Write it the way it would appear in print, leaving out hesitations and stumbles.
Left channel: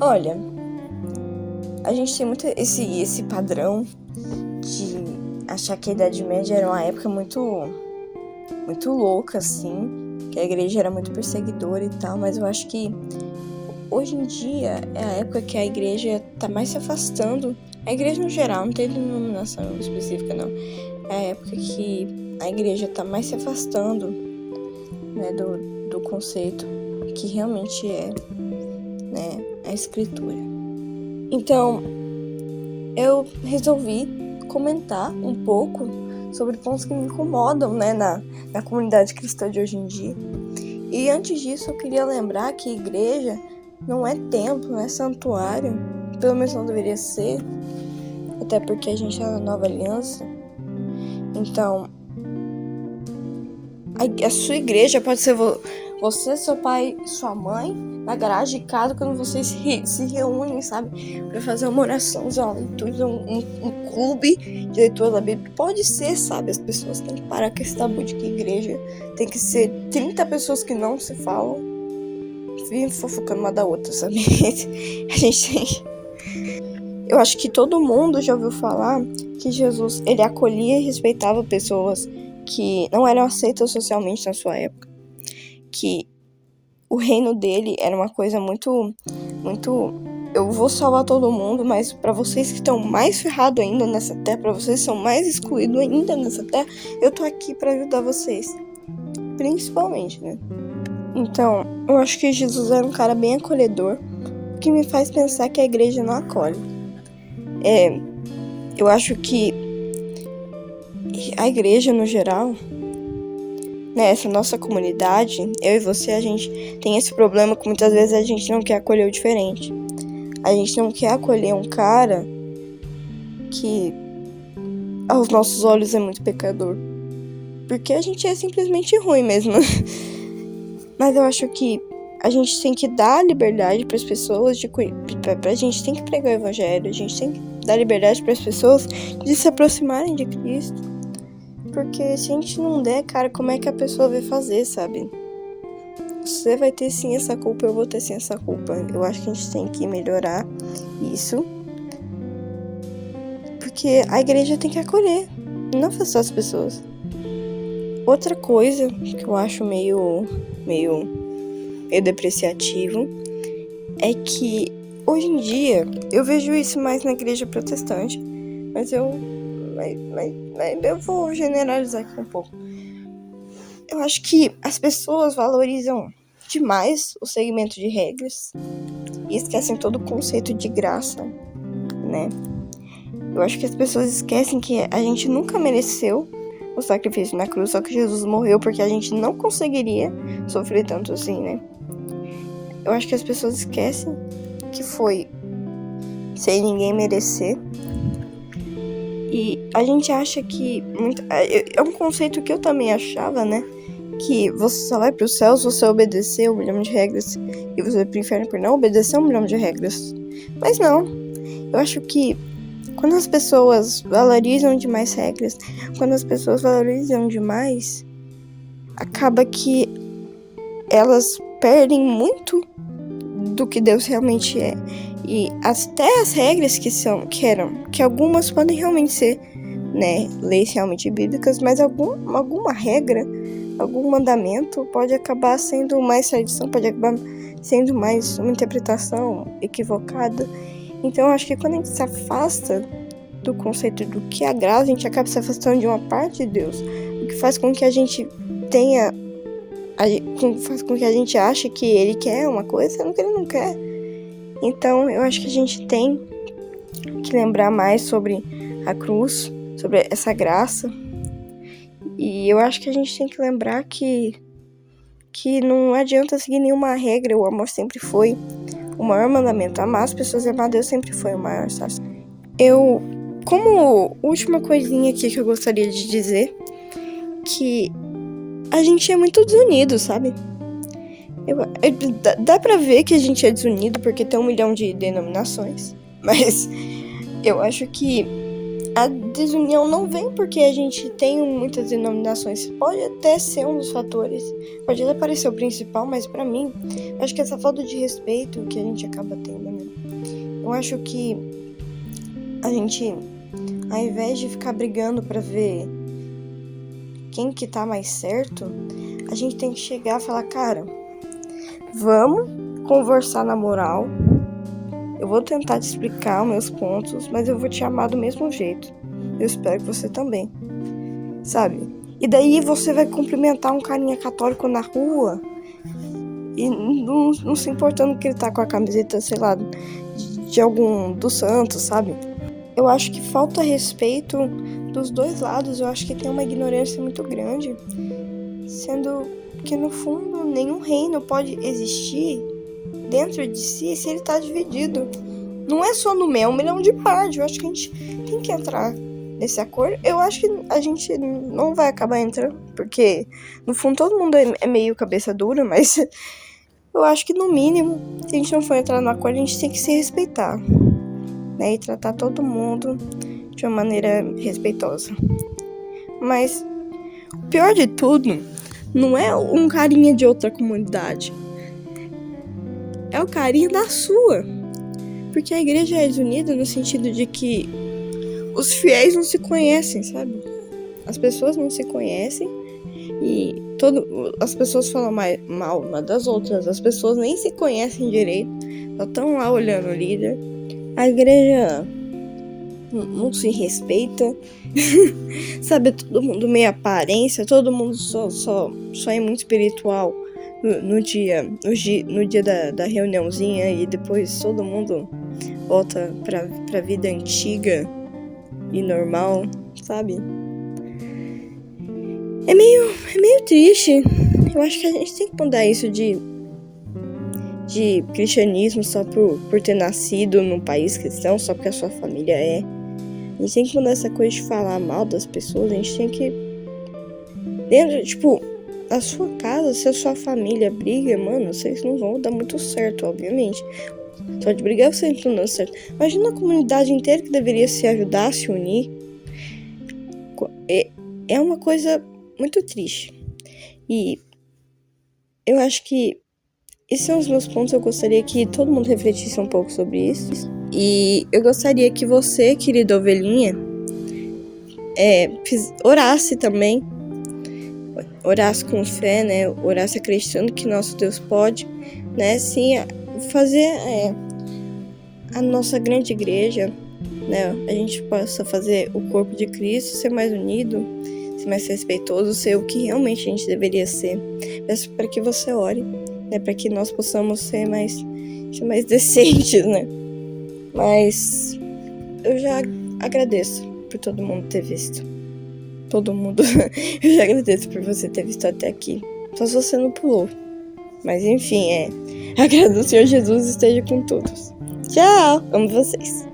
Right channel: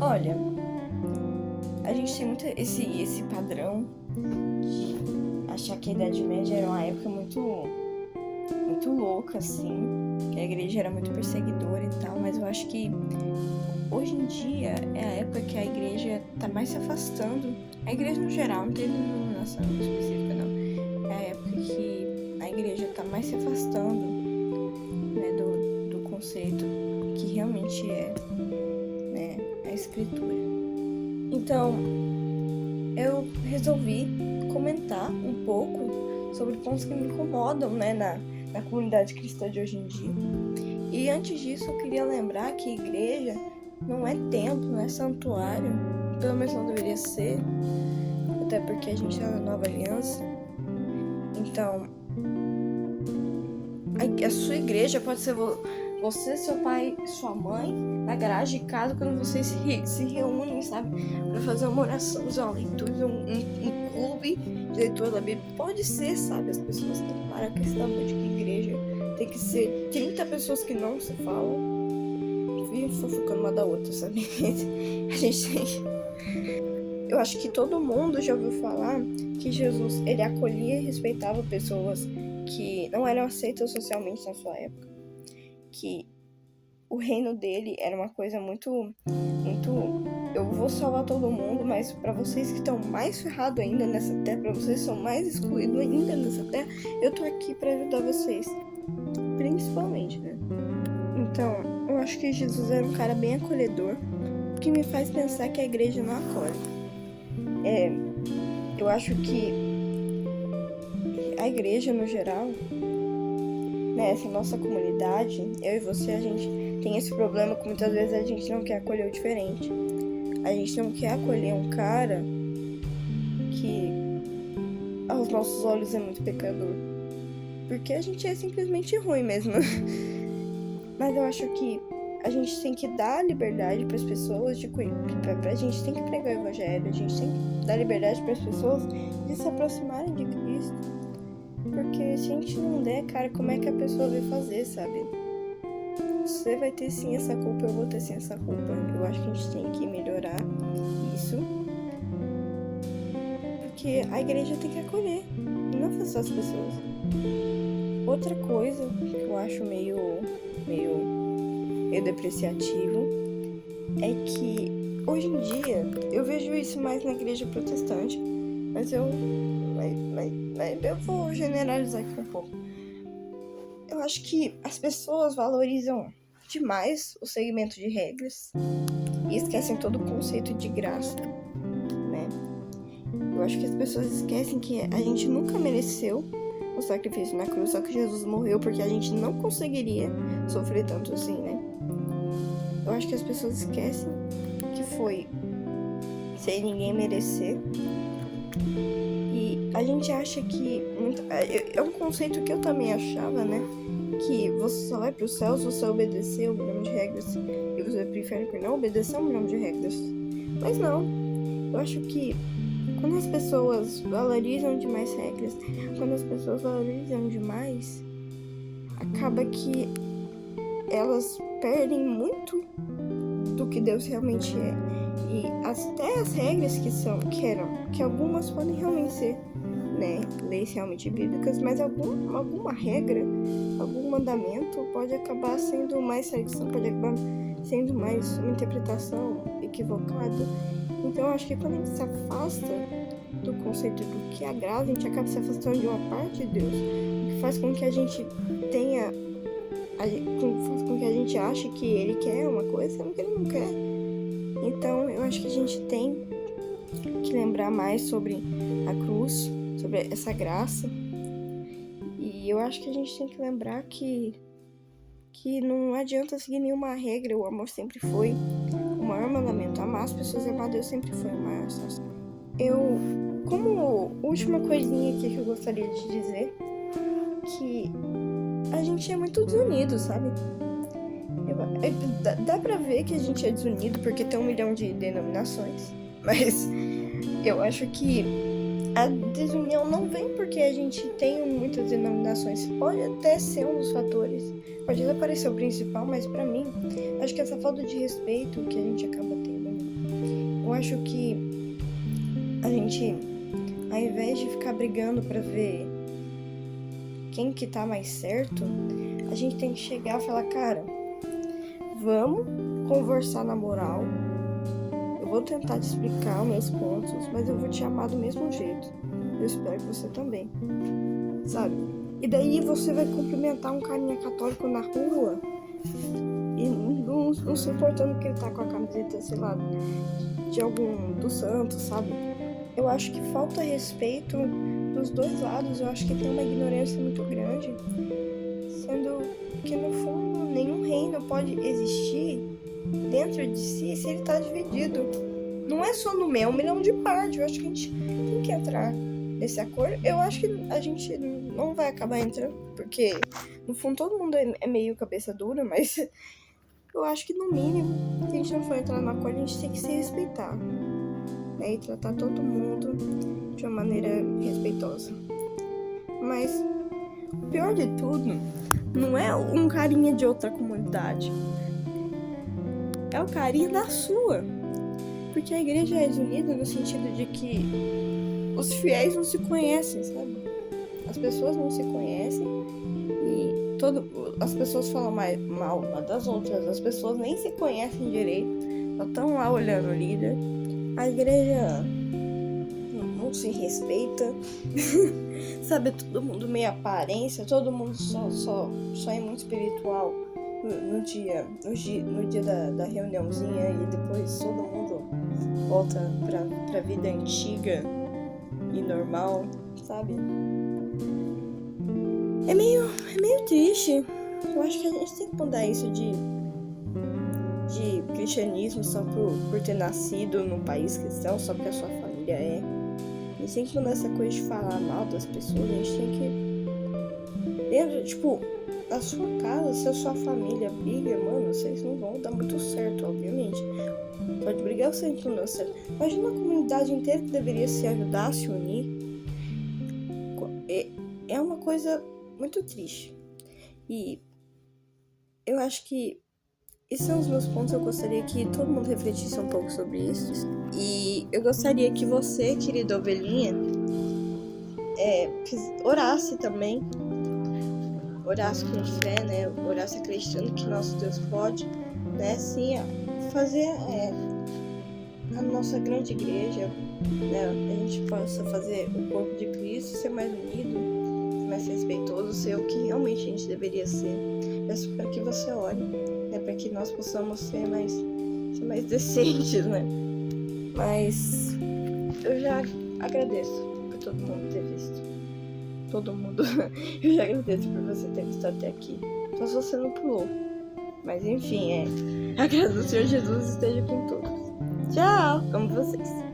Olha, a gente tem muito esse padrão de achar que a Idade Média era uma época muito louca, assim, que a igreja era muito perseguidora e tal, mas eu acho que hoje em dia é a época que a igreja tá mais se afastando. A igreja no geral, não tem denominação específica, não. É a época que a igreja tá mais se afastando, né, do conceito que realmente é, né, a escritura. Então, eu resolvi comentar um pouco sobre pontos que me incomodam, né, na comunidade cristã de hoje em dia. E antes disso, eu queria lembrar que igreja não é templo, não é santuário, pelo menos não deveria ser, até porque a gente é na nova aliança. Então, a sua igreja pode ser você, seu pai, sua mãe, na garagem de casa, quando vocês se reúnem, sabe, pra fazer uma oração, uma leitura, um clube de leitura da Bíblia. Pode ser, sabe, as pessoas têm que parar com esse tabu de que igreja tem que ser 30 pessoas que não se falam, vivem fofocando uma da outra, sabe? A gente tem... Eu acho que todo mundo já ouviu falar que Jesus, ele acolhia e respeitava pessoas que não eram aceitas socialmente na sua época. Que o reino dele era uma coisa muito... Eu vou salvar todo mundo, mas para vocês que estão mais ferrados ainda nessa terra, para vocês que são mais excluídos ainda nessa terra, eu tô aqui para ajudar vocês. Principalmente, né? Então, eu acho que Jesus era um cara bem acolhedor, que me faz pensar que a igreja não acolhe. Eu acho que a igreja, no geral, né, essa nossa comunidade, eu e você, a gente tem esse problema que muitas vezes a gente não quer acolher o diferente. A gente não quer acolher um cara que, aos nossos olhos, é muito pecador. Porque a gente é simplesmente ruim mesmo. Mas eu acho que a gente tem que dar liberdade para as pessoas, a gente tem que pregar o evangelho, a gente tem que dar liberdade para as pessoas de se aproximarem de Cristo. Porque se a gente não der, cara, como é que a pessoa vai fazer, sabe? Você vai ter sim essa culpa, eu vou ter sim essa culpa. Eu acho que a gente tem que melhorar isso. Porque a igreja tem que acolher, não afastar as pessoas. Outra coisa que eu acho meio depreciativo é que hoje em dia eu vejo isso mais na igreja protestante, mas eu vou generalizar aqui um pouco. Eu acho que as pessoas valorizam demais o segmento de regras e esquecem todo o conceito de graça, né? Eu acho que as pessoas esquecem que a gente nunca mereceu o sacrifício na cruz, só que Jesus morreu porque a gente não conseguiria sofrer tanto assim, né? Eu acho que as pessoas esquecem que foi sem ninguém merecer. E a gente acha que... É um conceito que eu também achava, né? Que você só vai pro céu se você obedecer 1 milhão de regras. E você vai pro inferno por não obedecer 1 milhão de regras. Mas não. Eu acho que quando as pessoas valorizam demais regras, quando as pessoas valorizam demais, acaba que elas perdem muito do que Deus realmente é. E até as regras que algumas podem realmente ser, né, leis realmente bíblicas, mas alguma regra, algum mandamento pode acabar sendo mais tradição, pode acabar sendo mais uma interpretação equivocada. Então eu acho que quando a gente se afasta do conceito do que agrada, a gente acaba se afastando de uma parte de Deus, o que faz com que a gente faz com que a gente ache que ele quer uma coisa, sendo que ele não quer. Então, eu acho que a gente tem que lembrar mais sobre a cruz, sobre essa graça. E eu acho que a gente tem que lembrar que não adianta seguir nenhuma regra, o amor sempre foi o maior mandamento. Amar as pessoas e amar Deus sempre foi o maior, sabe? Como última coisinha aqui que eu gostaria de dizer, que a gente é muito desunido, sabe? Dá pra ver que a gente é desunido porque tem 1 milhão de denominações, mas eu acho que a desunião não vem porque a gente tem muitas denominações. Pode até ser um dos fatores, pode até parecer o principal, mas pra mim, eu acho que essa falta de respeito que a gente acaba tendo, né? Eu acho que a gente, ao invés de ficar brigando pra ver quem que tá mais certo, a gente tem que chegar e falar, cara, vamos conversar na moral. Eu vou tentar te explicar os meus pontos, mas eu vou te amar do mesmo jeito. Eu espero que você também, sabe? E daí você vai cumprimentar um carinha católico na rua e não se importando que ele tá com a camiseta, sei lá, de algum dos santos, sabe? Eu acho que falta respeito dos dois lados. Eu acho que tem uma ignorância muito grande, sendo que no fundo nenhum reino pode existir dentro de si se ele tá dividido. Não é só no mel, 1 milhão de partes. Eu acho que a gente tem que entrar nesse acordo. Eu acho que a gente não vai acabar entrando, porque no fundo todo mundo é meio cabeça dura, mas eu acho que no mínimo, se a gente não for entrar no acordo, a gente tem que se respeitar, né? E tratar todo mundo de uma maneira respeitosa. Mas o pior de tudo não é um carinha de outra comunidade, é o carinha da sua. Porque a igreja é desunida no sentido de que os fiéis não se conhecem, sabe? As pessoas não se conhecem e as pessoas falam mal uma das outras. As pessoas nem se conhecem direito, só estão lá olhando o líder. A igreja não se respeita, sabe? Todo mundo meio aparência, todo mundo só é muito espiritual no dia da reuniãozinha e depois todo mundo volta pra vida antiga e normal, sabe? É meio triste. Eu acho que a gente tem que mudar isso de cristianismo só por ter nascido num país cristão, só porque a sua família é. A gente tem que mudar essa coisa de falar mal das pessoas. A gente tem que... na sua casa, se a sua família briga, mano, vocês não vão dar muito certo, obviamente. Só de brigar vocês não dão certo. Imagina a comunidade inteira que deveria se ajudar, se unir. É uma coisa muito triste. E eu acho que esses são os meus pontos. Eu gostaria que todo mundo refletisse um pouco sobre isso. E eu gostaria que você, querida ovelhinha, orasse também. Orasse com fé, né? Orasse acreditando que nosso Deus pode, né? Sim, fazer a nossa grande igreja, né? A gente possa fazer o corpo de Cristo ser mais unido, ser mais respeitoso, ser o que realmente a gente deveria ser. Peço para que você ore, né? Para que nós possamos ser mais decentes, né? Mas eu já agradeço por todo mundo ter visto. Todo mundo. Eu já agradeço por você ter visto até aqui. Só se você não pulou. Mas enfim, a graça do Senhor Jesus esteja com todos. Tchau! Amo vocês.